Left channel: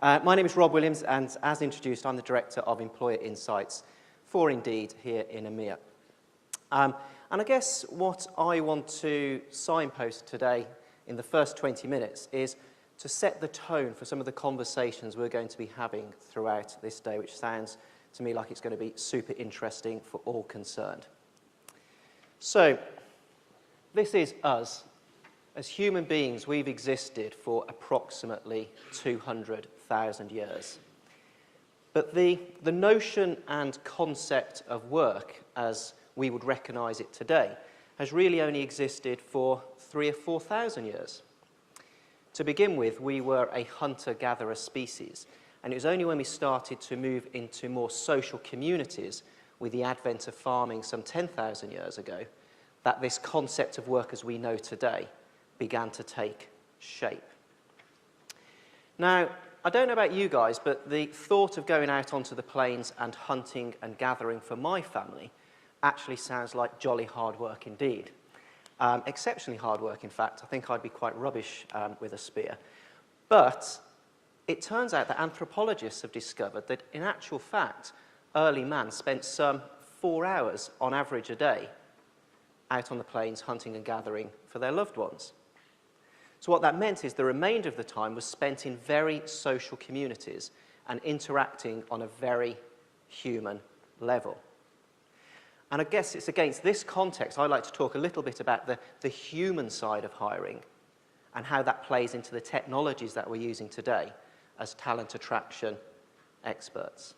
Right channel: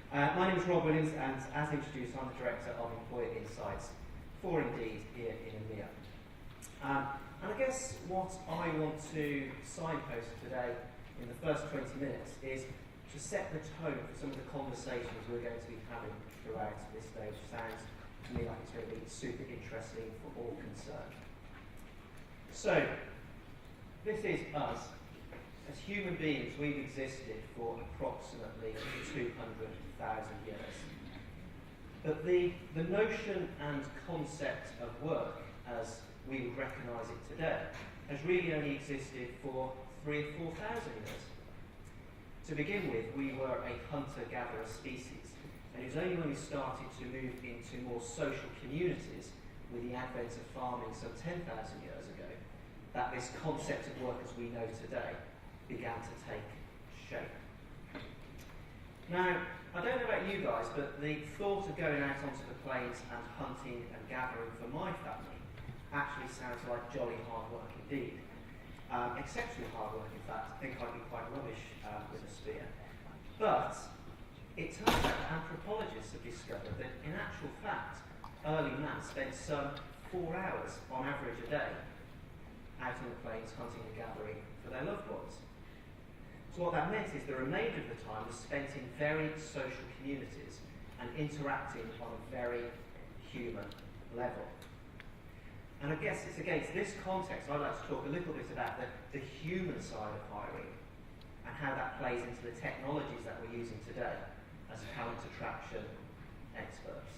My name is Rob Williams, and as introduced, I'm the Director of Employer Insights for Indeed here in EMEA. And I guess what I want to signpost today in the first 20 minutes is to set the tone for some of the conversations we're going to be having throughout this day, which sounds to me like it's going to be super interesting for all concerned. So, this is us. As human beings, we've existed for approximately 200,000 years. But the notion and concept of work, as we would recognise it today, has really only existed for 3,000 or 4,000 years. To begin with, we were a hunter-gatherer species, and it was only when we started to move into more social communities with the advent of farming some 10,000 years ago that this concept of work as we know today began to take shape. Now, I don't know about you guys, but the thought of going out onto the plains and hunting and gathering for my family actually sounds like jolly hard work indeed. Exceptionally hard work, in fact. I think I'd be quite rubbish with a spear. But it turns out that anthropologists have discovered that, in actual fact, early man spent some 4 hours on average a day out on the plains hunting and gathering for their loved ones. So what that meant is the remainder of the time was spent in very social communities and interacting on a very human level. And I guess it's against this context I'd like to talk a little bit about the human side of hiring and how that plays into the technologies that we're using today as talent attraction experts.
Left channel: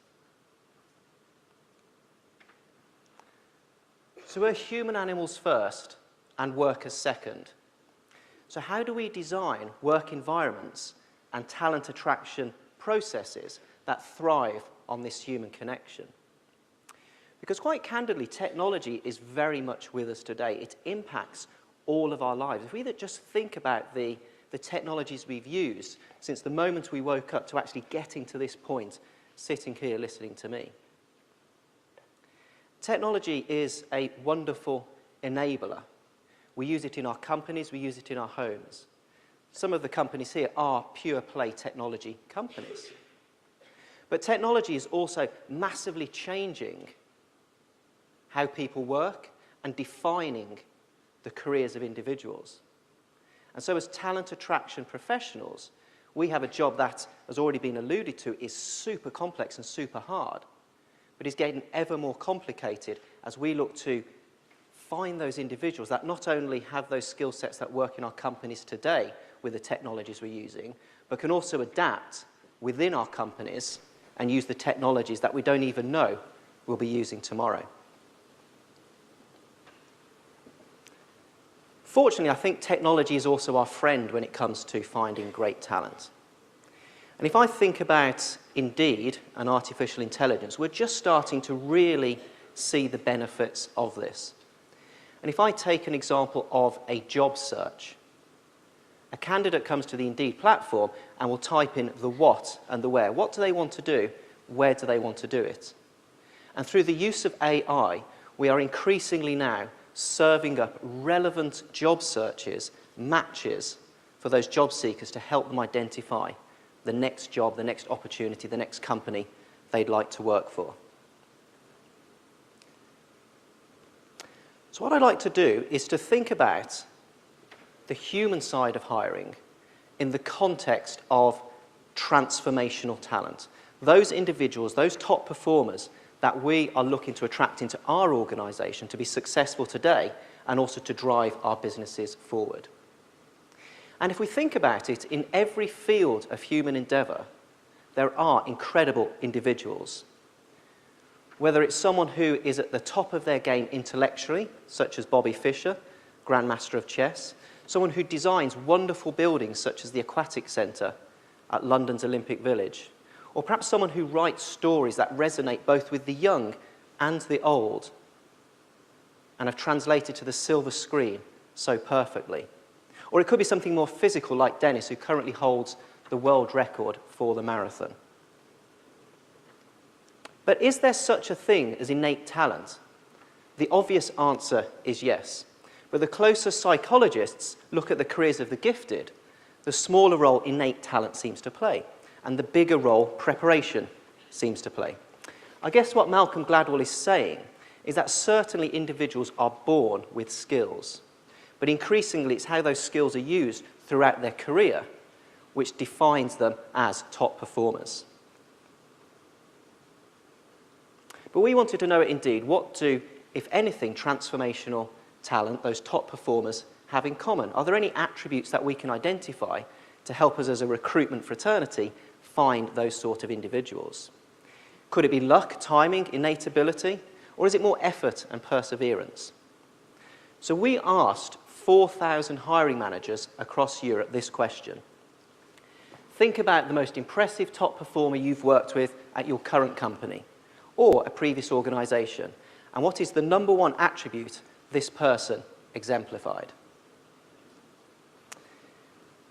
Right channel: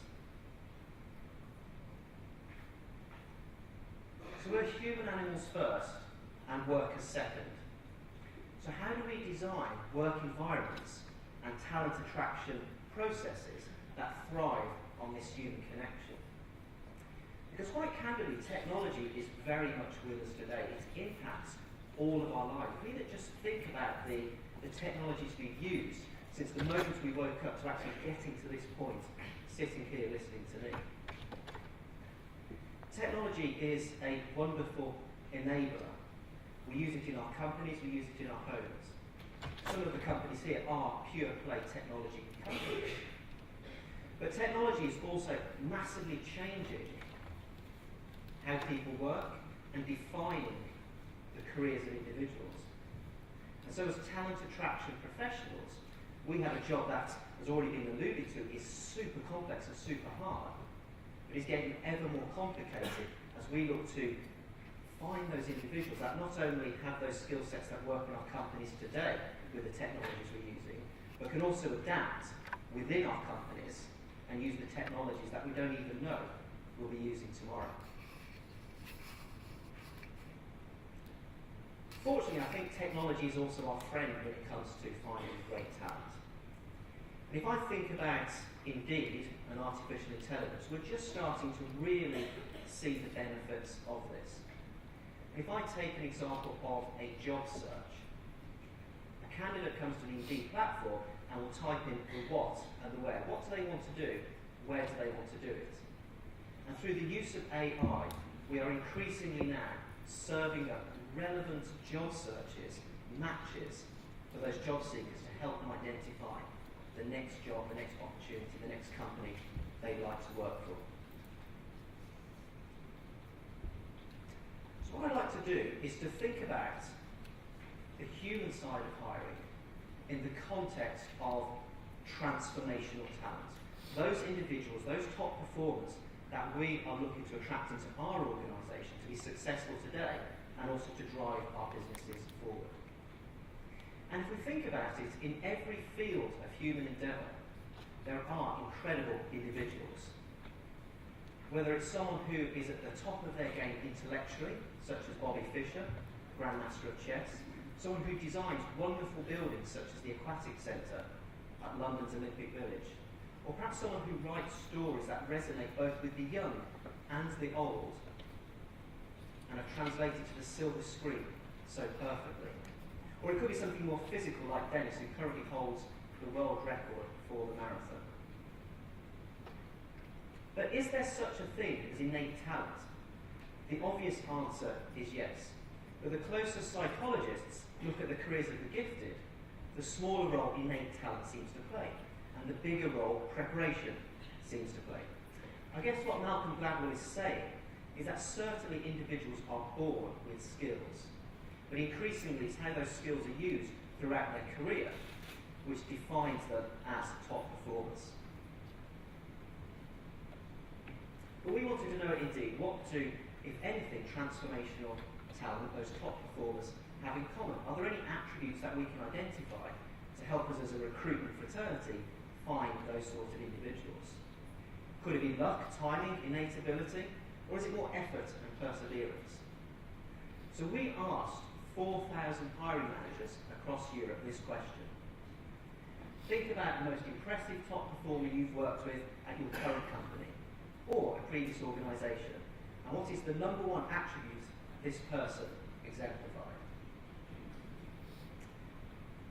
So we're human animals first and workers second. So how do we design work environments and talent attraction processes that thrive on this human connection? Because quite candidly, technology is very much with us today. It impacts all of our lives. If we just think about the technologies we've used since the moment we woke up to actually getting to this point, sitting here listening to me. Technology is a wonderful enabler. We use it in our companies, we use it in our homes. Some of the companies here are pure play technology companies. But technology is also massively changing how people work and defining the careers of individuals. And so as talent attraction professionals, we have a job that, has already been alluded to, is super complex and super hard, but is getting ever more complicated as we look to find those individuals that not only have those skill sets that work in our companies today with the technologies we're using, but can also adapt within our companies and use the technologies that we don't even know we'll be using tomorrow. Fortunately, I think technology is also our friend when it comes to finding great talent. And if I think about Indeed and artificial intelligence, we're just starting to really see the benefits of this. And if I take an example of a job search, a candidate comes to the Indeed platform and will type in the what and the where. What do they want to do? Where do they want to do it? And through the use of AI, we are increasingly now serving up relevant job searches, matches for those job seekers to help them identify the next job, the next opportunity, the next company they'd like to work for. So what I'd like to do is to think about the human side of hiring in the context of transformational talent. Those individuals, those top performers that we are looking to attract into our organisation to be successful today and also to drive our businesses forward. And if we think about it, in every field of human endeavour, there are incredible individuals. Whether it's someone who is at the top of their game intellectually, such as Bobby Fischer, Grandmaster of Chess, someone who designs wonderful buildings such as the Aquatic Centre at London's Olympic Village, or perhaps someone who writes stories that resonate both with the young and the old and have translated to the silver screen so perfectly. Or it could be something more physical like Dennis, who currently holds the world record for the marathon. But is there such a thing as innate talent? The obvious answer is yes. But the closer psychologists look at the careers of the gifted, the smaller role innate talent seems to play. and the bigger role preparation seems to play. I guess what Malcolm Gladwell is saying is that certainly individuals are born with skills, but increasingly it's how those skills are used throughout their career which defines them as top performers. But we wanted to know indeed, what do, if anything, transformational talent, those top performers, have in common? Are there any attributes that we can identify to help us as a recruitment fraternity find those sort of individuals? Could it be luck, timing, innate ability, or is it more effort and perseverance? So we asked 4,000 hiring managers across Europe this question. Think about the most impressive top performer you've worked with at your current company or a previous organisation, and what is the number one attribute this person exemplified?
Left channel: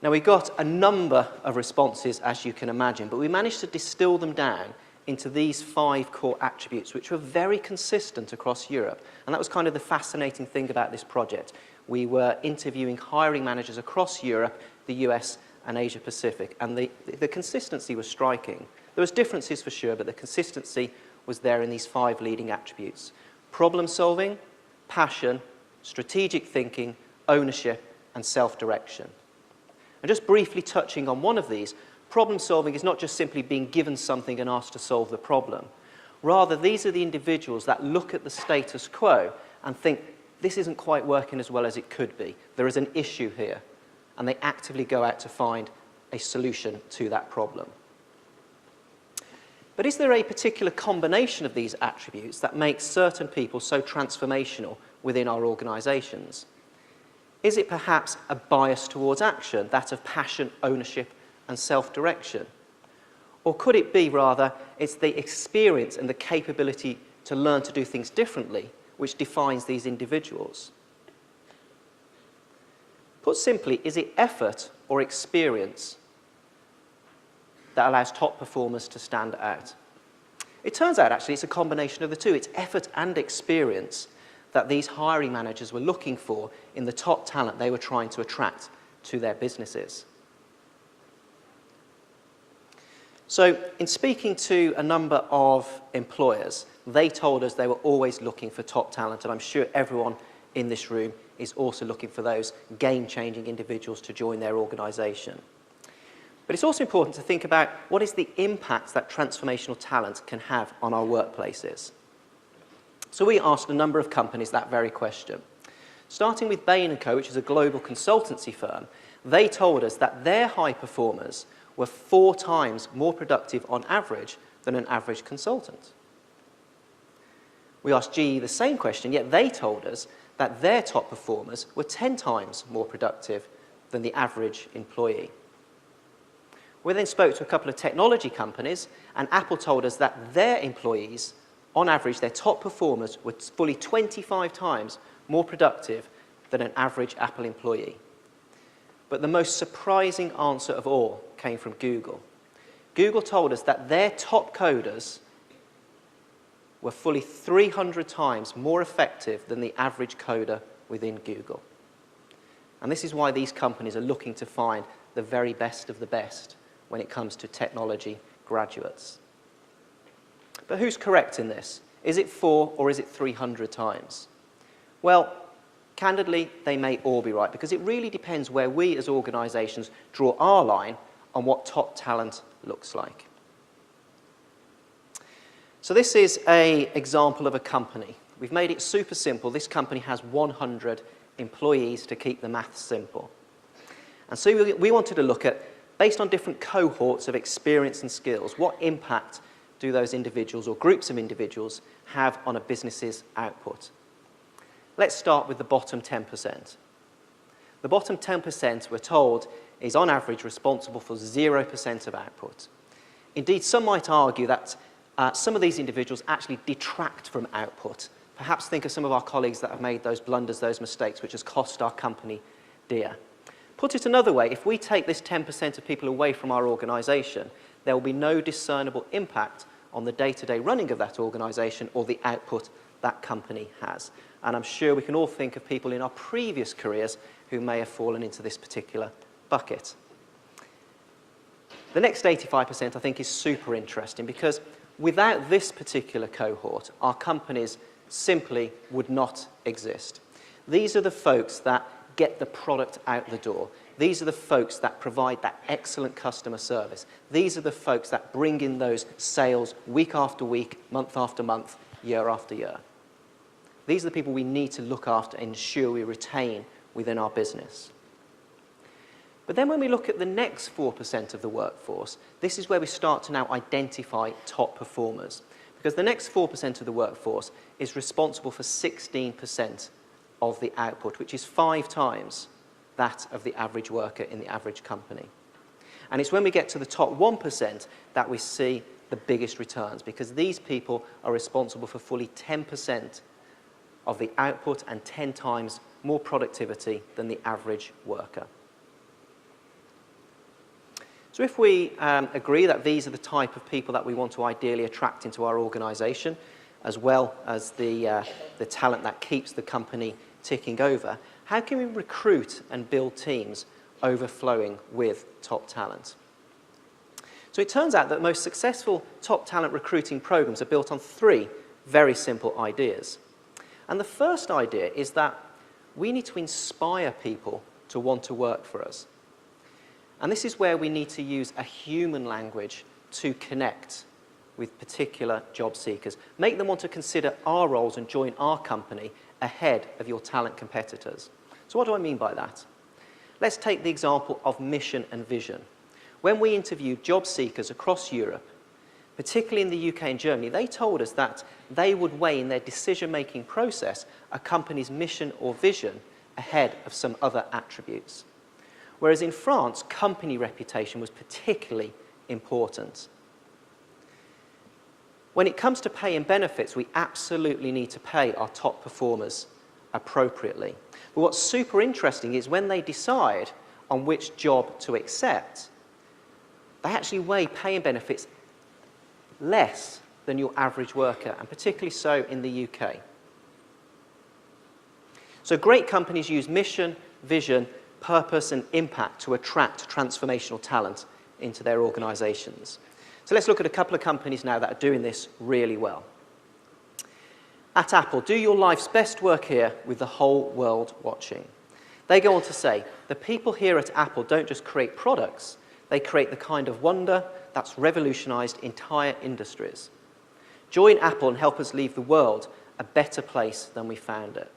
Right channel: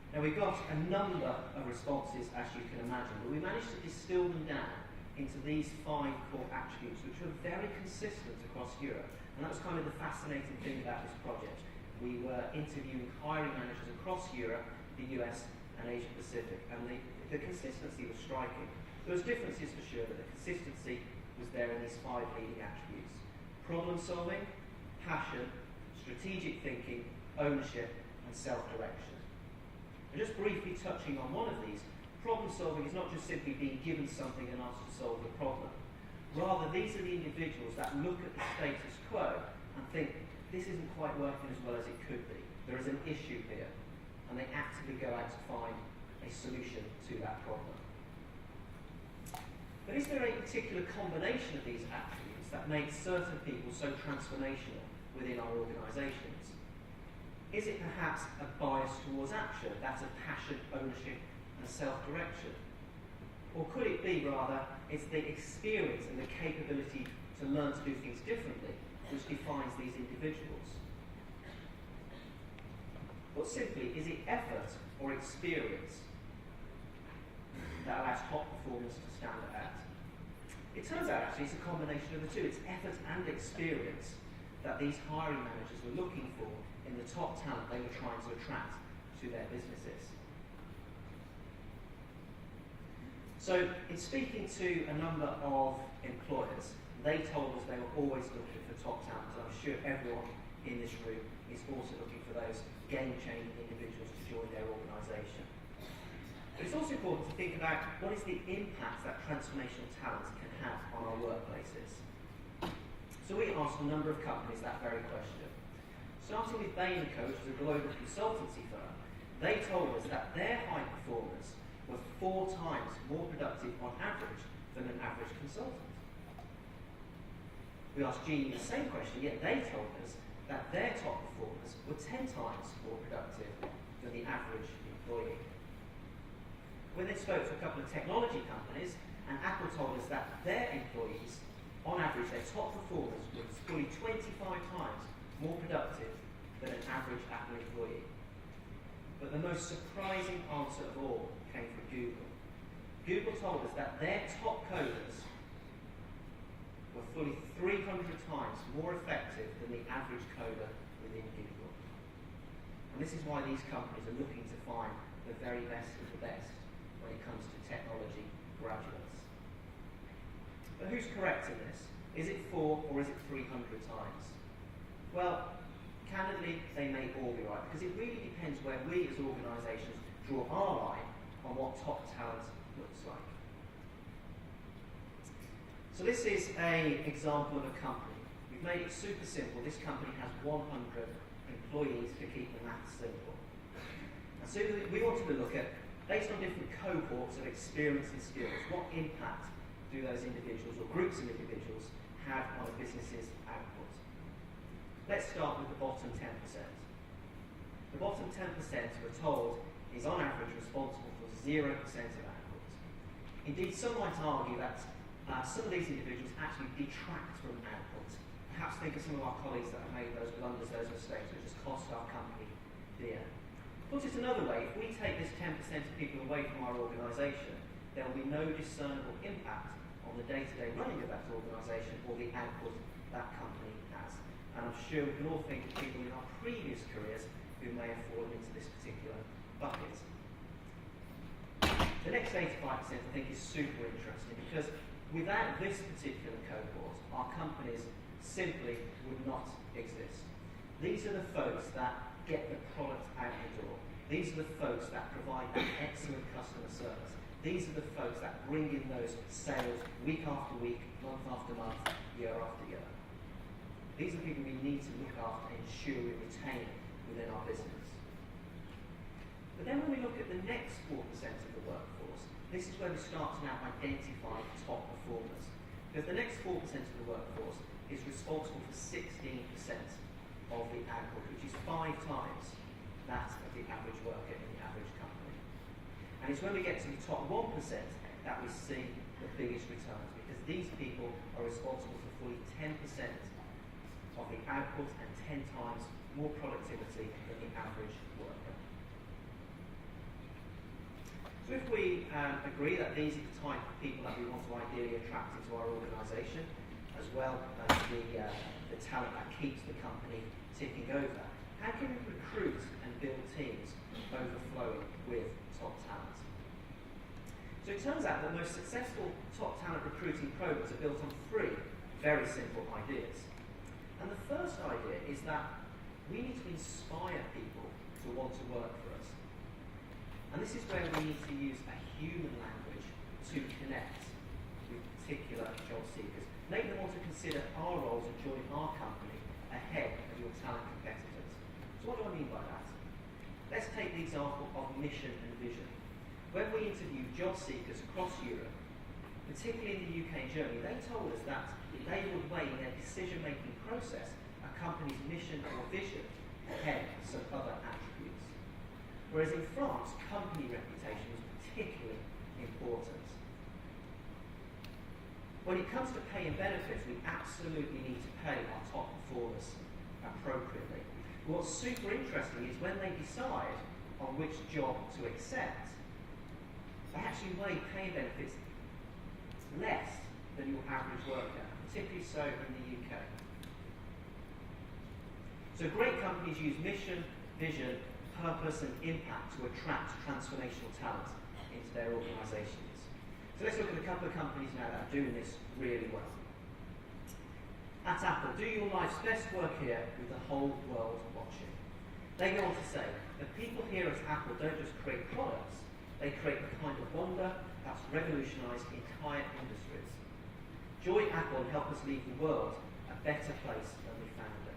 Now, we got a number of responses, as you can imagine, but we managed to distill them down into these 5 core attributes, which were very consistent across Europe. And that was kind of the fascinating thing about this project. We were interviewing hiring managers across Europe, the US, and Asia Pacific, and the consistency was striking. There was differences for sure, but the consistency was there in these 5 leading attributes: problem solving, passion, strategic thinking, ownership, and self-direction. And just briefly touching on one of these, problem solving is not just simply being given something and asked to solve the problem. Rather, these are the individuals that look at the status quo and think, this isn't quite working as well as it could be. There is an issue here. And they actively go out to find a solution to that problem. But is there a particular combination of these attributes that makes certain people so transformational within our organisations? Is it perhaps a bias towards action, that of passion, ownership, and self-direction? Or could it be, rather, it's the experience and the capability to learn to do things differently which defines these individuals? Put simply, is it effort or experience that allows top performers to stand out? It turns out, actually, it's a combination of the two. It's effort and experience that these hiring managers were looking for in the top talent they were trying to attract to their businesses. So, in speaking to a number of employers, they told us they were always looking for top talent, and I'm sure everyone in this room is also looking for those game-changing individuals to join their organisation. But it's also important to think about what is the impact that transformational talent can have on our workplaces. So we asked a number of companies that very question. Starting with Bain & Co., which is a global consultancy firm, they told us that their high performers were 4 times more productive on average than an average consultant. We asked GE the same question, yet they told us that their top performers were 10 times more productive than the average employee. We then spoke to a couple of technology companies, and Apple told us that their employees, on average, their top performers were fully 25 times more productive than an average Apple employee. But the most surprising answer of all came from Google. Google told us that their top coders were fully 300 times more effective than the average coder within Google. And this is why these companies are looking to find the very best of the best when it comes to technology graduates. But who's correct in this? Is it 4 or is it 300 times? Well, candidly, they may all be right, because it really depends where we as organisations draw our line on what top talent looks like. So this is an example of a company. We've made it super simple. This company has 100 employees to keep the maths simple. And so we wanted to look at, based on different cohorts of experience and skills, what impact do those individuals or groups of individuals have on a business's output? Let's start with the bottom 10%. The bottom 10%, we're told, is on average responsible for 0% of output. Indeed, some might argue that some of these individuals actually detract from output. Perhaps think of some of our colleagues that have made those blunders, those mistakes, which has cost our company dear. Put it another way, if we take this 10% of people away from our organisation, there will be no discernible impact on the day-to-day running of that organisation or the output that company has. And I'm sure we can all think of people in our previous careers who may have fallen into this particular bucket. The next 85% I think is super interesting, because without this particular cohort, our companies simply would not exist. These are the folks that get the product out the door. These are the folks that provide that excellent customer service. These are the folks that bring in those sales week after week, month after month, year after year. These are the people we need to look after and ensure we retain within our business. But then when we look at the next 4% of the workforce, this is where we start to now identify top performers. Because the next 4% of the workforce is responsible for 16% of the output, which is 5 times that of the average worker in the average company. And it's when we get to the top 1% that we see the biggest returns, because these people are responsible for fully 10% of the output and 10 times more productivity than the average worker. So if we agree that these are the type of people that we want to ideally attract into our organisation, as well as the talent that keeps the company ticking over, how can we recruit and build teams overflowing with top talent? So it turns out that most successful top talent recruiting programs are built on 3 very simple ideas. And the first idea is that we need to inspire people to want to work for us. And this is where we need to use a human language to connect with particular job seekers. Make them want to consider our roles and join our company ahead of your talent competitors. So what do I mean by that? Let's take the example of mission and vision. When we interviewed job seekers across Europe, particularly in the UK and Germany, they told us that they would weigh in their decision-making process a company's mission or vision ahead of some other attributes. Whereas in France, company reputation was particularly important. When it comes to pay and benefits, we absolutely need to pay our top performers appropriately. But what's super interesting is when they decide on which job to accept, they actually weigh pay and benefits less than your average worker, and particularly so in the UK. So great companies use mission, vision, purpose and impact to attract transformational talent into their organisations. So let's look at a couple of companies now that are doing this really well. At Apple, do your life's best work here with the whole world watching. They go on to say, the people here at Apple don't just create products, they create the kind of wonder that's revolutionised entire industries. Join Apple and help us leave the world a better place than we found it.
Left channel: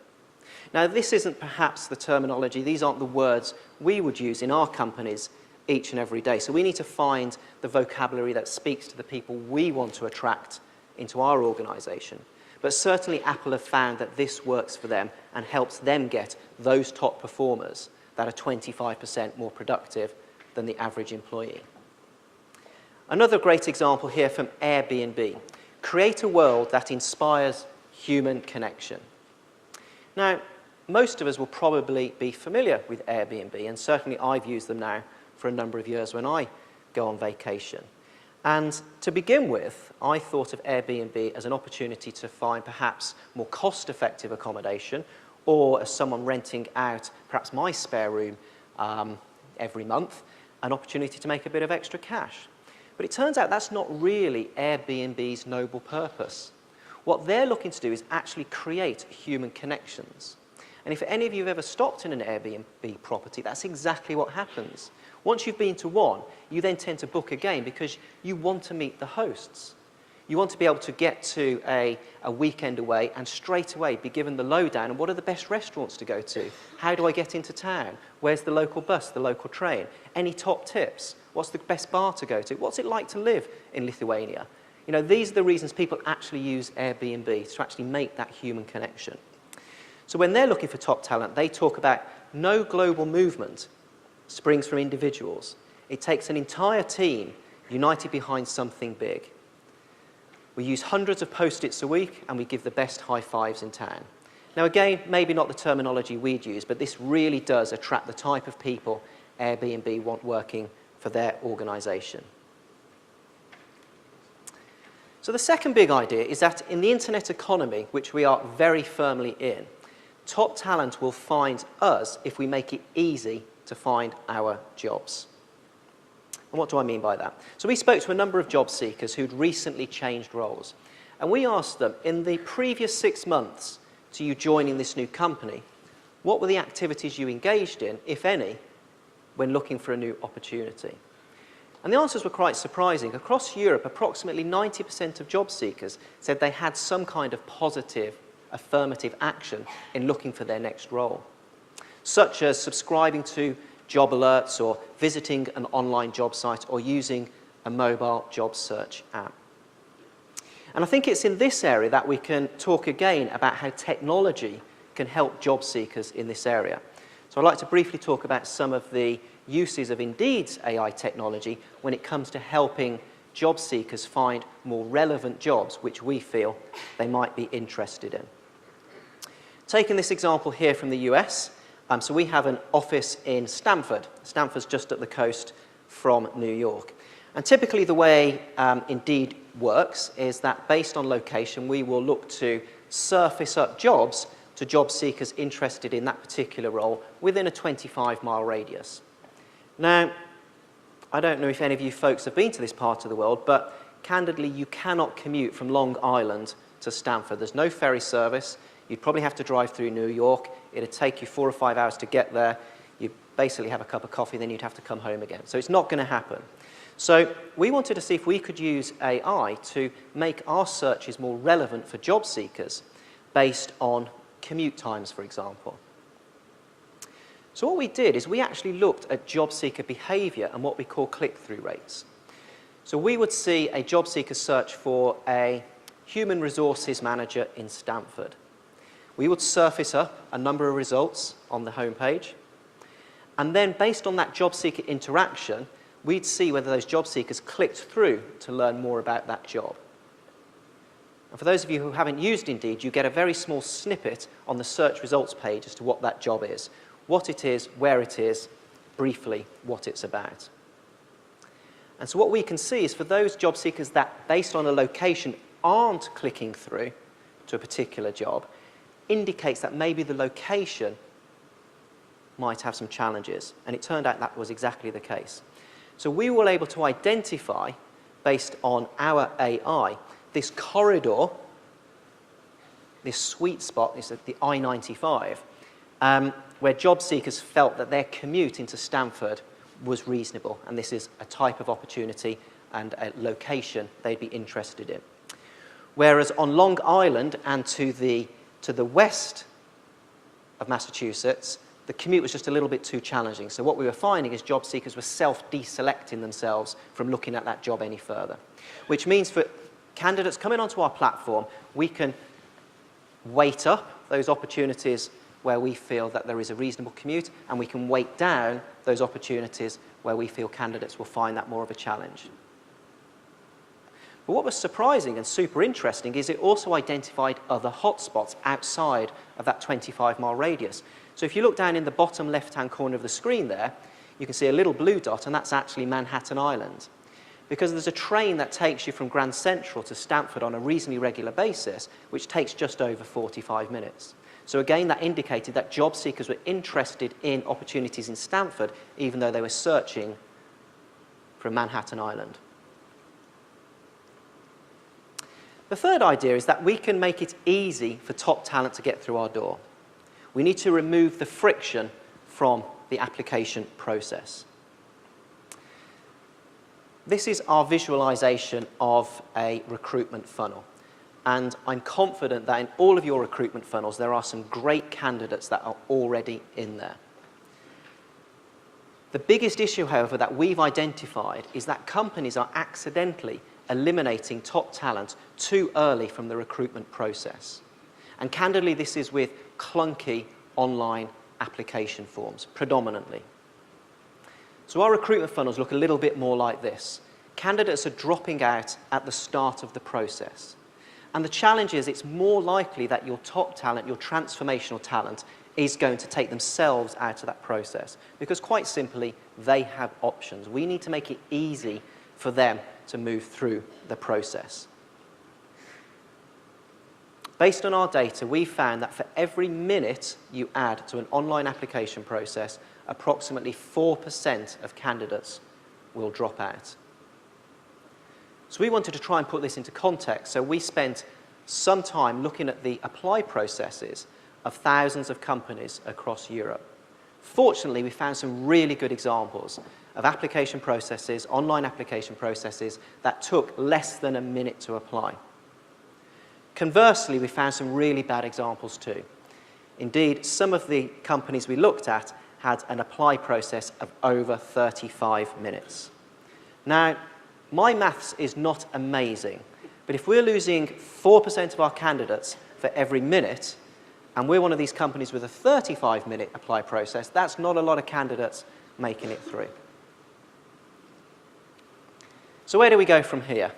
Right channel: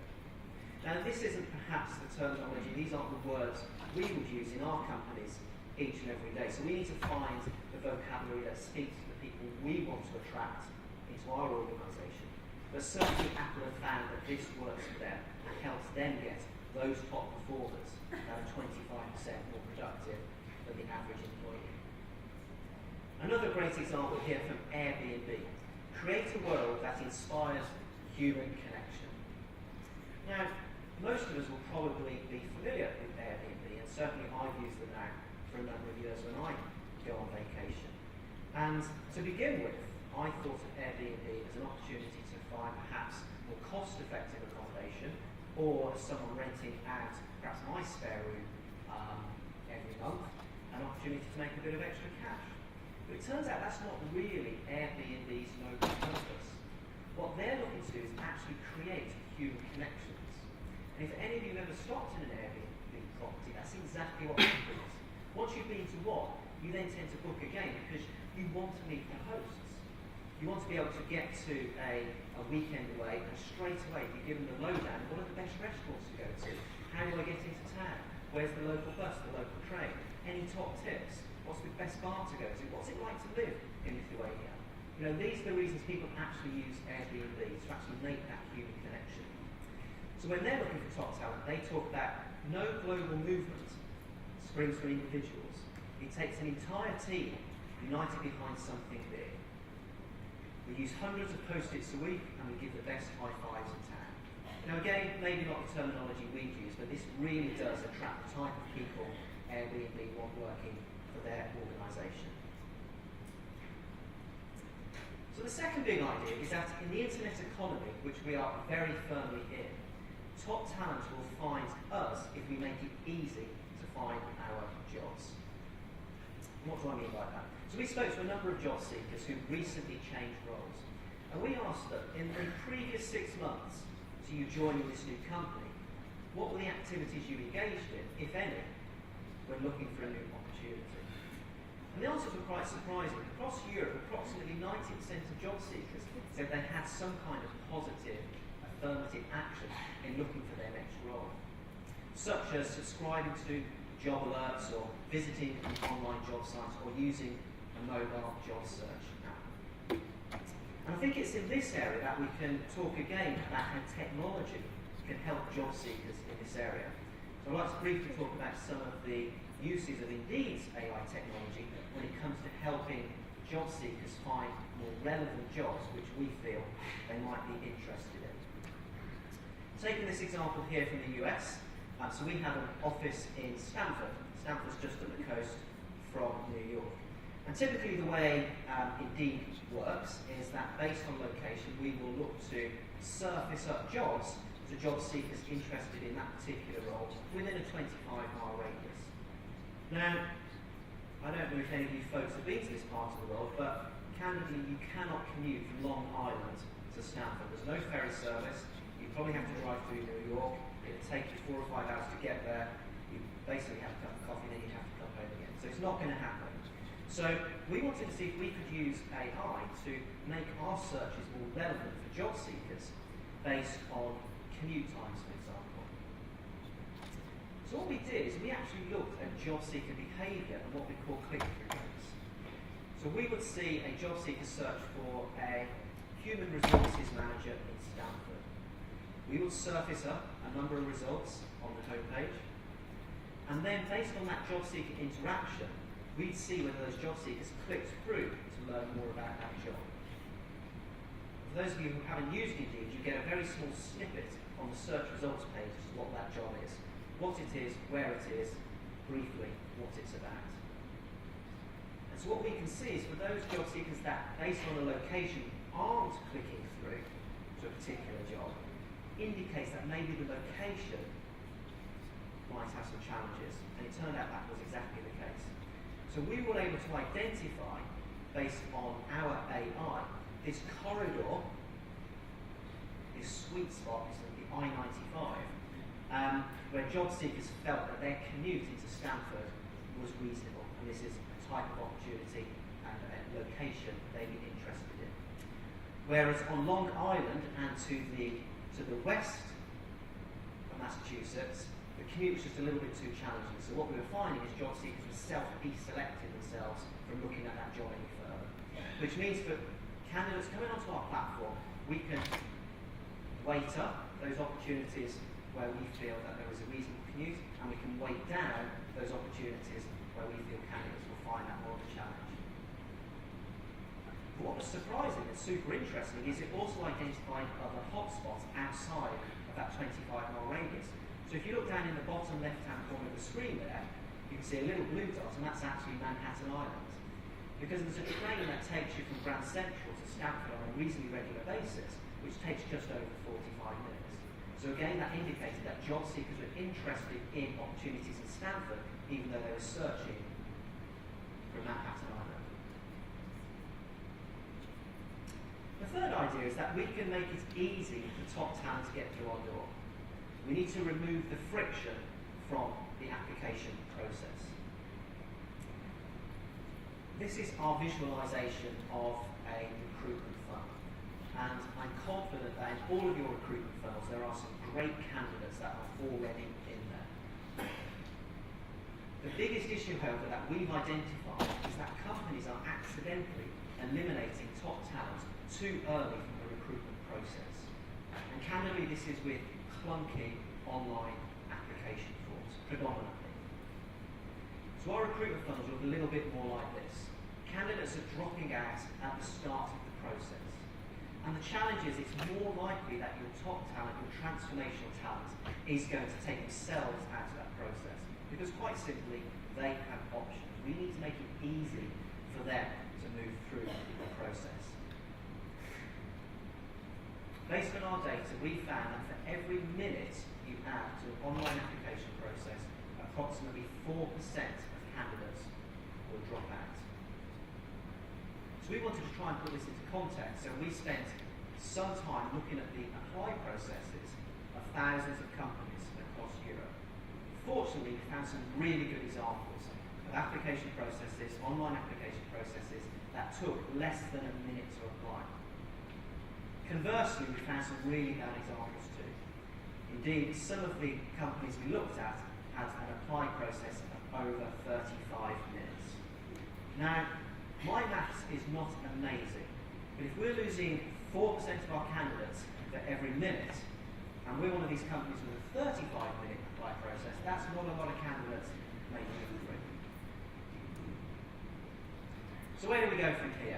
Now, this isn't perhaps the terminology, these aren't the words we would use in our companies each and every day. So we need to find the vocabulary that speaks to the people we want to attract into our organisation. But certainly Apple have found that this works for them and helps them get those top performers that are 25% more productive than the average employee. Another great example here from Airbnb. Create a world that inspires human connection. Now, most of us will probably be familiar with Airbnb, and certainly I've used them now for a number of years when I go on vacation. And to begin with, I thought of Airbnb as an opportunity to find perhaps more cost-effective accommodation, or as someone renting out perhaps my spare room every month, an opportunity to make a bit of extra cash. But it turns out that's not really Airbnb's noble purpose. What they're looking to do is actually create human connections. And if any of you have ever stopped in an Airbnb property, that's exactly what happens. Once you've been to one, you then tend to book again because you want to meet the hosts. You want to be able to get to a weekend away and straight away be given the lowdown on what are the best restaurants to go to? How do I get into town? Where's the local bus, the local train? Any top tips? What's the best bar to go to? What's it like to live in Lithuania? You know, these are the reasons people actually use Airbnb, to actually make that human connection. So when they're looking for top talent, they talk about no global movement springs from individuals. It takes an entire team united behind something big. We use hundreds of post-its a week, and we give the best high fives in town. Now again, maybe not the terminology we'd use, but this really does attract the type of people Airbnb want working for their organisation. So the second big idea is that in the internet economy, which we are very firmly in, top talent will find us if we make it easy to find our jobs. And what do I mean by that? So we spoke to a number of job seekers who'd recently changed roles. And we asked them, in the previous 6 months to you joining this new company, what were the activities you engaged in, if any, when looking for a new opportunity? And the answers were quite surprising. Across Europe, approximately 90% of job seekers said they had some kind of positive, affirmative action in looking for their next role, such as subscribing to job alerts or visiting an online job site or using a mobile job search app. And I think it's in this area that we can talk again about how technology can help job seekers in this area. So I'd like to briefly talk about some of the uses of Indeed's AI technology when it comes to helping job seekers find more relevant jobs which we feel they might be interested in. Taking this example here from the US, so we have an office in Stamford. Stamford's just at the coast from New York. And typically the way Indeed works is that based on location, we will look to surface up jobs to job seekers interested in that particular role within a 25-mile radius. Now, I don't know if any of you folks have been to this part of the world, but candidly, you cannot commute from Long Island to Stamford. There's no ferry service. You'd probably have to drive through New York. It'd take you 4 or 5 hours to get there. You'd basically have a cup of coffee, then you'd have to come home again. So it's not going to happen. So we wanted to see if we could use AI to make our searches more relevant for job seekers based on commute times, for example. So what we did is we actually looked at job seeker behaviour and what we call click-through rates. So we would see a job seeker search for a human resources manager in Stamford. We would surface up a number of results on the homepage, and then based on that job seeker interaction, we'd see whether those job seekers clicked through to learn more about that job. And for those of you who haven't used Indeed, you get a very small snippet on the search results page as to what that job is, what it is, where it is, briefly what it's about. And so what we can see is for those job seekers that, based on a location, aren't clicking through to a particular job, indicates that maybe the location might have some challenges. And it turned out that was exactly the case. So we were able to identify, based on our AI, this corridor, this sweet spot, this is the I-95, where job seekers felt that their commute into Stamford was reasonable, and this is a type of opportunity and a location they'd be interested in. Whereas on Long Island and to the west of Massachusetts, the commute was just a little bit too challenging. So what we were finding is job seekers were self-deselecting themselves from looking at that job any further, which means for candidates coming onto our platform, we can weight up those opportunities where we feel that there is a reasonable commute, and we can weight down those opportunities where we feel candidates will find that more of a challenge. But what was surprising and super interesting is it also identified other hotspots outside of that 25-mile radius. So if you look down in the bottom left-hand corner of the screen there, you can see a little blue dot, and that's actually Manhattan Island. Because there's a train that takes you from Grand Central to Stamford on a reasonably regular basis, which takes just over 45 minutes. So again, that indicated that job seekers were interested in opportunities in Stamford, even though they were searching for Manhattan Island. The third idea is that we can make it easy for top talent to get through our door. We need to remove the friction from the application process. This is our visualization of a recruitment funnel. And I'm confident that in all of your recruitment funnels, there are some great candidates that are already in there. The biggest issue, however, that we've identified is that companies are accidentally eliminating top talent too early from the recruitment process. And candidly, this is with clunky online application forms, predominantly. So our recruitment funnels look a little bit more like this. Candidates are dropping out at the start of the process. And the challenge is it's more likely that your top talent, your transformational talent, is going to take themselves out of that process. Because quite simply, they have options. We need to make it easy for them to move through the process. Based on our data, we found that for every minute you add to an online application process, approximately 4% of candidates will drop out. So we wanted to try and put this into context, so we spent some time looking at the apply processes of thousands of companies across Europe. Fortunately, we found some really good examples of application processes, online application processes, that took less than a minute to apply. Conversely, we found some really bad examples too. Indeed, some of the companies we looked at had an apply process of over 35 minutes. Now, my maths is not amazing, but if we're losing 4% of our candidates for every minute, and we're one of these companies with a 35-minute apply process, that's not a lot of candidates making it through. So where do we go from here?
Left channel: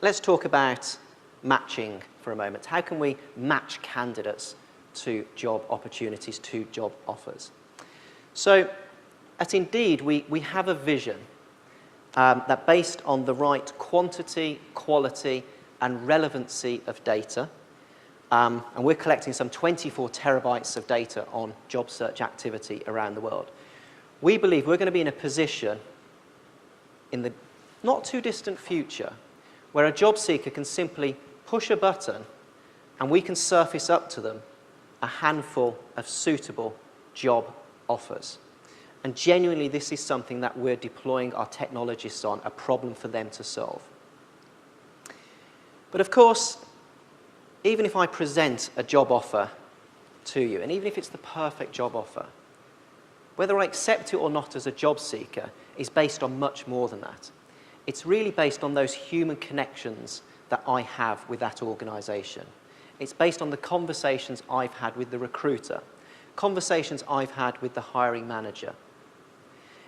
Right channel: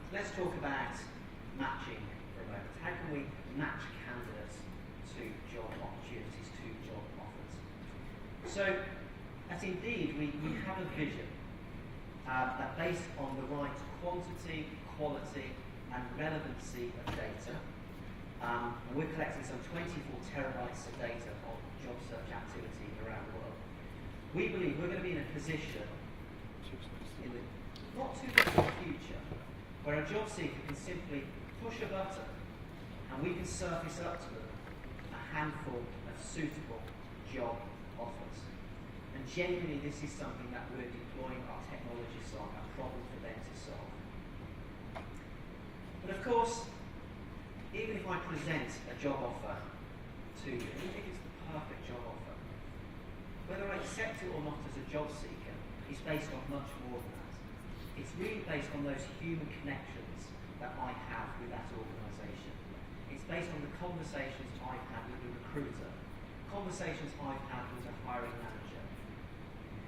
Let's talk about matching for a moment. How can we match candidates to job opportunities, to job offers? So at Indeed, we have a vision that based on the right quantity, quality, and relevancy of data, and we're collecting some 24 terabytes of data on job search activity around the world. We believe we're going to be in a position in the not too distant future where a job seeker can simply push a button and we can surface up to them a handful of suitable job offers. And genuinely, this is something that we're deploying our technologists on, a problem for them to solve. But of course, even if I present a job offer to you, and even if it's the perfect job offer, whether I accept it or not as a job seeker is based on much more than that. It's really based on those human connections that I have with that organisation. It's based on the conversations I've had with the recruiter, conversations I've had with the hiring manager.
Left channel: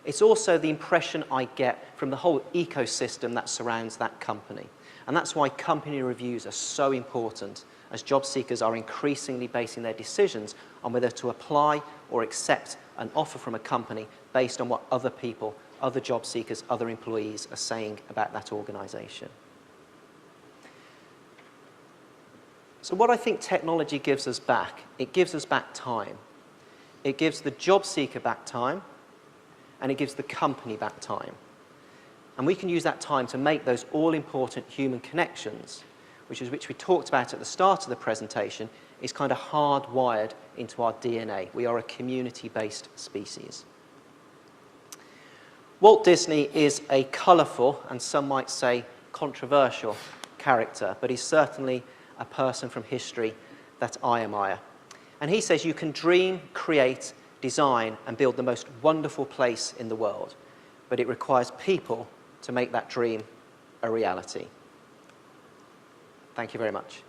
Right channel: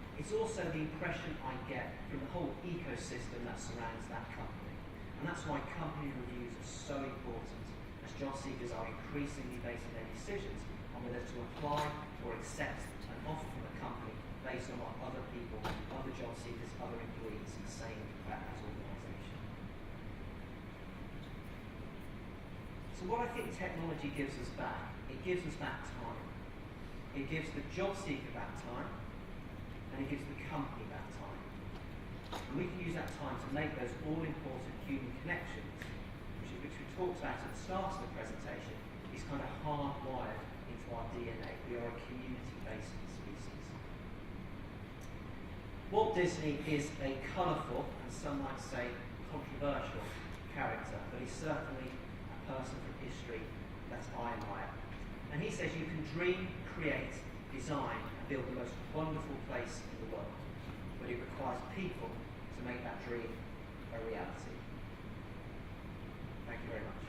It's also the impression I get from the whole ecosystem that surrounds that company. And that's why company reviews are so important, as job seekers are increasingly basing their decisions on whether to apply or accept an offer from a company based on what other people, other job seekers, other employees are saying about that organisation. So what I think technology gives us back, it gives us back time. It gives the job seeker back time, and it gives the company back time. And we can use that time to make those all-important human connections, which we talked about at the start of the presentation, is kind of hardwired into our DNA. We are a community-based species. Walt Disney is a colourful, and some might say controversial, character, but he's certainly a person from history that I admire. And he says you can dream, create, design, and build the most wonderful place in the world, but it requires people to make that dream a reality. Thank you very much.